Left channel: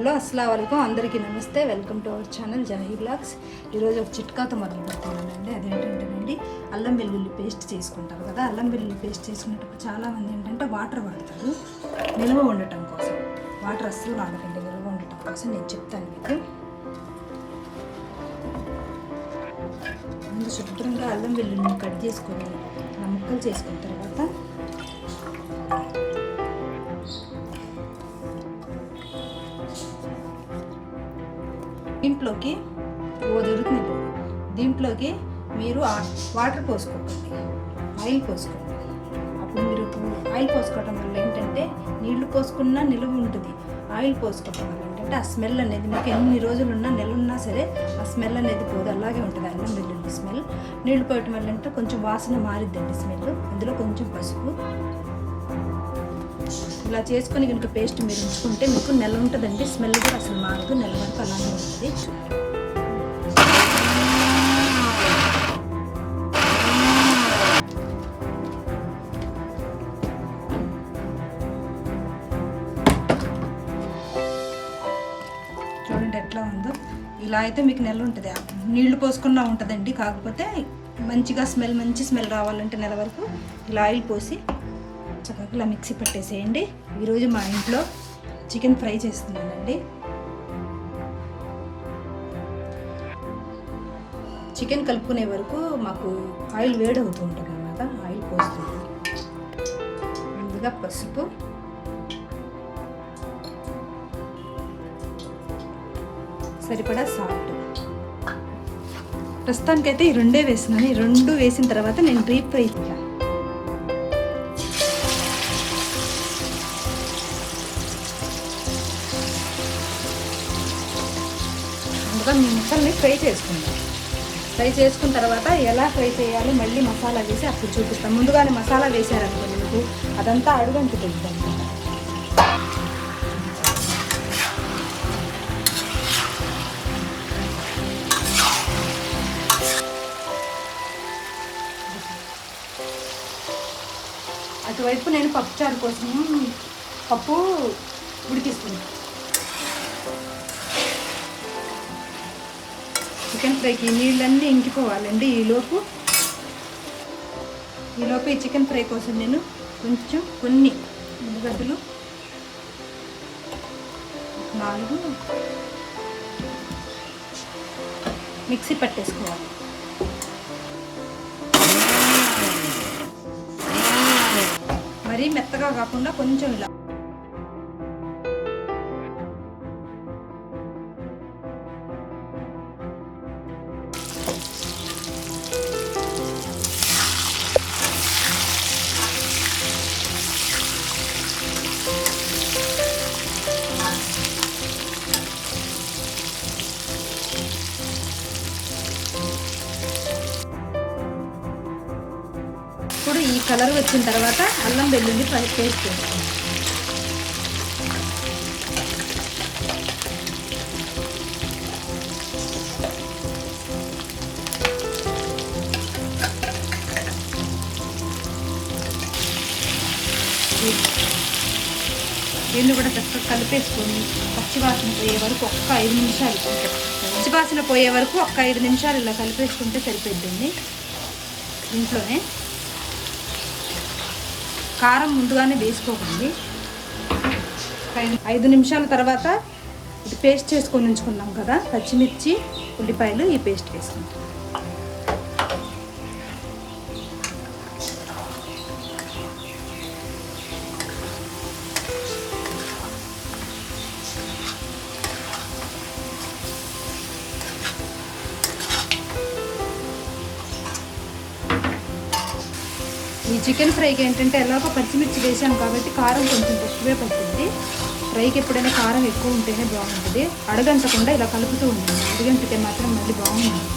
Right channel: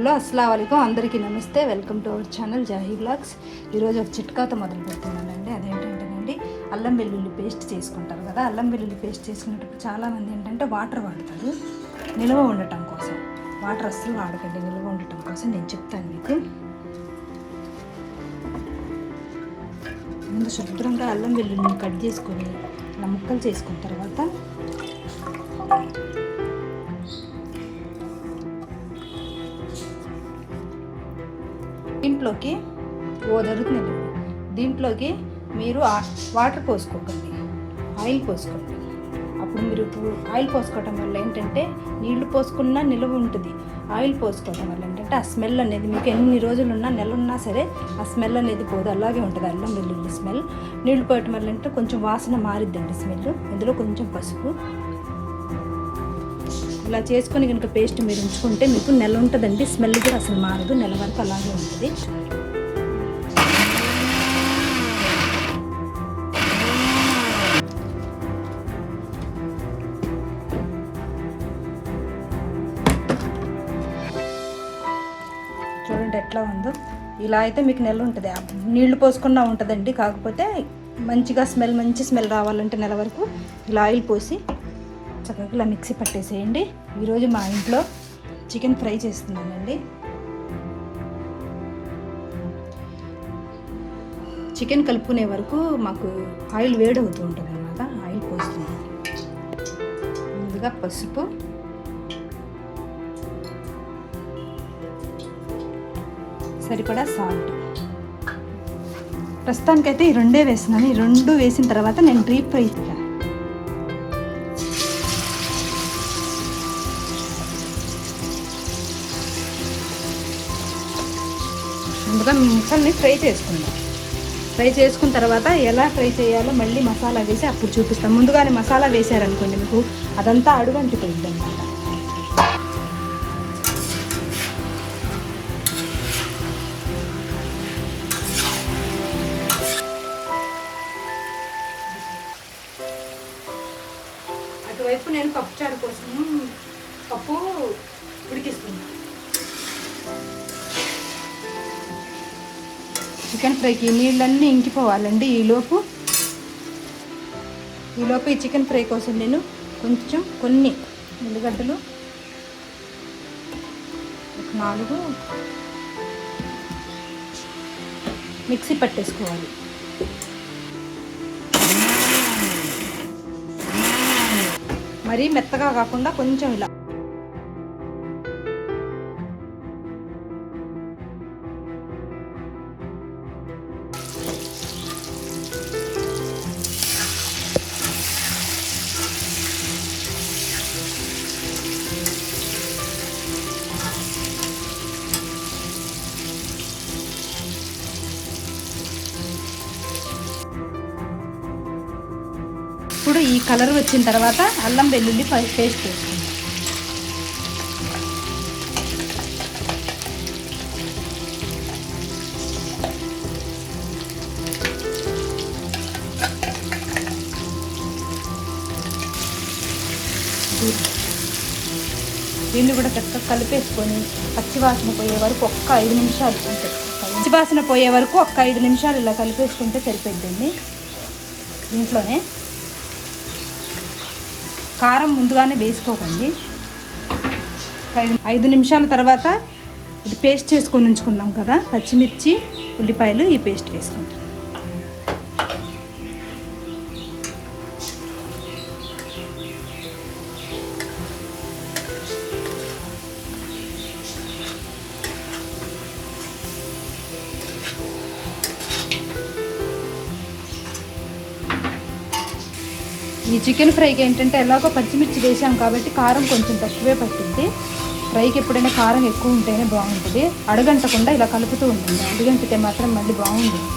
Hello అస్సలాము అలైకుం అందరికీ నమస్తే. Welcome to our channel Jahi blogs. ఈరోజు ఒక చిట్కాతో మొదలు పెడుతున్నానండి. అదేంటంటేనండి, అల్లం వెల్లుల్లి పేస్ట్ చేసుకుంటారు కదా. అల్లం వెల్లుల్లి పేస్ట్ చేసుకునేటప్పుడు చాలామంది ఏంటంటే వాటర్ వాడతారు నిల్వ ఉండటం కోసం. వాటర్ అస్సలు వాడకండి, నిల్వ ఉండటం కోసం నేను చెప్తాను మీకు. ముందు శుభ్రంగా అల్లం వెల్లుల్లిని కట్ చేసుకొని ఇలా ముక్కలు చేసుకున్న తర్వాత దీంట్లోకి దొరుకుతుంది. దీంట్లోకి మీరు వాటర్ పోసుకోకండి, ఆయిల్ పోసుకోండి. అప్పుడు మీరు ఆయిల్ పోసుకోవడం వల్ల ఏంటంటే నీళ్లు పోసుకున్నా నిలువ ఉంటుంది. ఆయిల్ పోసుకోవడం వల్ల ఏంటంటే ఆ స్మెల్ అనేది మీకు ఎన్ని రోజులు ఉన్నా నెల ఉన్నా సరే ఆ స్మెల్ అనేది పోదు, అలాగే ఉంటుంది అల్లం వెల్లుల్లి స్మెల్. నీళ్లు పోయటం వల్ల అంటే కొంచెం వాసన మారిద్దండి స్మెల్. ఇందులో కొంచెం పసుపు ఇలా చేసుకొని కనుక పేస్ట్ మీరు ఉంచుకుంటే మీకు నెల ఉంటుందండి. స్మెల్ కూడా అసలు మారదు, నెల వరకు అలాగే ఉంటుంది. చూడండి ఎట్లా ఉందో. ఇలా అయితే మీకు నెల ఉంటుంది. నీళ్లు పోసుకున్నా ఉంటుందండి. కాకపోతే మంచిగా మంచి స్మెల్ రావాలంటే నెల వరకు ఇలా ఆయిల్ పోసి చక్కగా ఇలా మిక్సీ పట్టేసేయండి. ఈరోజు మా ఇంట్లో చికెన్ ఫ్రై చేస్తున్నానండి. చికెన్ కలుపుకునే వరకు మాకు ఆయిల్ వేడి అవుతూ ఉంటుంది అన్నమాట. ఆయిల్ పోస్తున్నాను. ముందుగా పసుపు, సరిపడా సాల్ట్. ప్రస్తుతానికైతే ఈ రెండే వేస్తున్నాను. ఈ రెండు వేసిన తర్వాత నేను డీప్ ఫ్రై చేయాలి. ముందుగా మీ ముక్కల్ని ఫ్రై చేసుకుంటాం. ఫ్రై చేసుకున్న తర్వాత ఎలా ఫ్రై చేయాలో మళ్ళీ మసాలా వేసి అప్పుడు చూపిస్తాం. ముందుగానే మసాలా వేసారనుకోండి మీకు అదంతా అడుగంటుతుంది. అటువైపు నేను పప్పుచారు కోసం పప్పు ఉడికిస్తున్నాను. చికెన్ ఫ్రైకి నీళ్ళన్నీ ఇంకిపోవాలండి. ఈలోపు ఈ చికెన్ ఫ్రై కోసం నేను కొన్ని ఉల్లిగడ్డలు 4 మిక్సీ పట్టేసుకోవాలి. మరీ మెత్తగా కాకుండా కొంచెం ఇలా. ఇప్పుడు ఈ కలర్ వచ్చిన తర్వాత అల్లం వెల్లుల్లి పేస్ట్ వేసుకుంటాం. దీన్ని కూడా చక్కగా కలిపేసుకొని పచ్చివాసన పోయే వరకు ఒక్క 5 నిమిషాలు పచ్చివాసన పోయే వరకు ఒక్క 5 నిమిషాలు ఇలా కలిపేసుకుంటే సరిపోతుంది. ఇంట్లోనే కారం ముందుగానే వేసుకోకండి. 5 నిమిషాల తర్వాత ఇది పేస్ట్ చేసుకొని ఉంచుకున్నాం కదా, పచ్చిమిర్చి ఉల్లిపాయలు, ఈ పేస్ట్ వేసుకుంటాం. ఈ చికెన్ ఫ్రైకి ఏంటంటే ఎలాగో పచ్చిమిర్చి వేసాం కాబట్టి కారం కొంచెం తక్కువే పట్టింది. ఫ్రైకి ఎప్పుడైనా కారం ఎక్కువ ఉంటేనే బాగుంటుంది. అడగంటకుండా ఇలా కలుపుతూ ఉంటుంది. అడగంటితే మాత్రం మళ్ళీ బాగుంటుంది.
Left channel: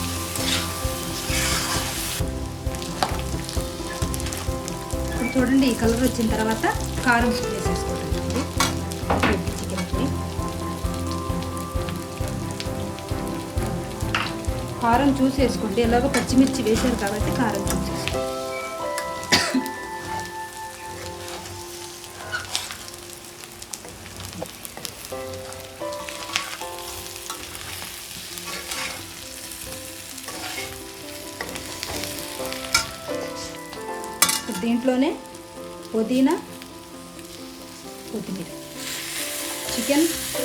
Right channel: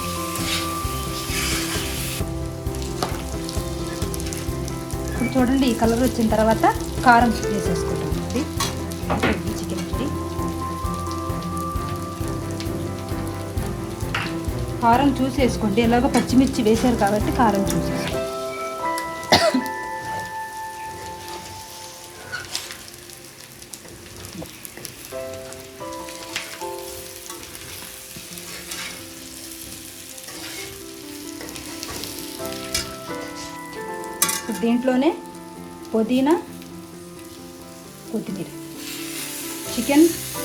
చూడండి ఈ కలర్ వచ్చిన తర్వాత కారం వేసేసుకోవడానికి చికెన్కి. కారం చూసేసుకోండి. ఎలాగో పచ్చిమిర్చి వేసారు కాబట్టి కారం చూసేసుకోండి. ఇప్పుడు దీంట్లోనే పుదీనా, కొత్తిమీర.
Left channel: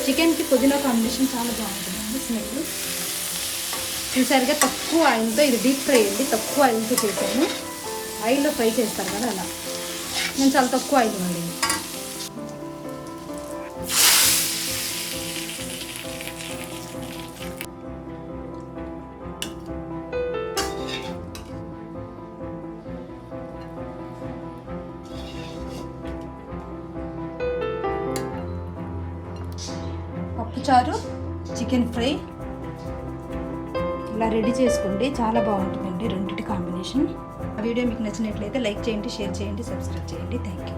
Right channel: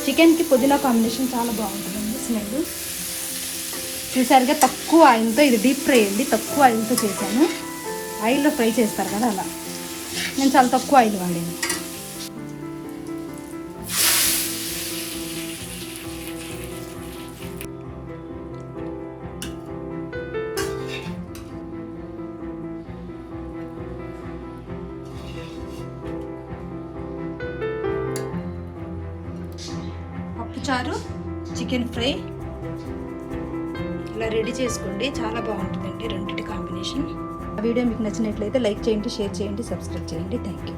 చికెన్కి పుదీనా కాంబినేషన్ చాలా బాగుంటుందండి స్మెల్. చూసారుగా తక్కువ ఆయిల్తో, ఇది డీప్ ఫ్రై అండి, తక్కువ ఆయిల్తో చేశాను. ఆయిల్లో ఫ్రై చేస్తాను కదా అలా, నేను చాలా తక్కువ ఆయిల్ వండింది. పప్పుచారు, చికెన్ ఫ్రై ఇలా రెడీ చేసుకోండి, చాలా బాగుంటుందండి రెండింటి కాంబినేషన్. వీడియో మీకు నచ్చినట్లయితే లైక్ చేయండి, షేర్ చేయండి, సబ్స్క్రైబ్ చేయండి. Thank you.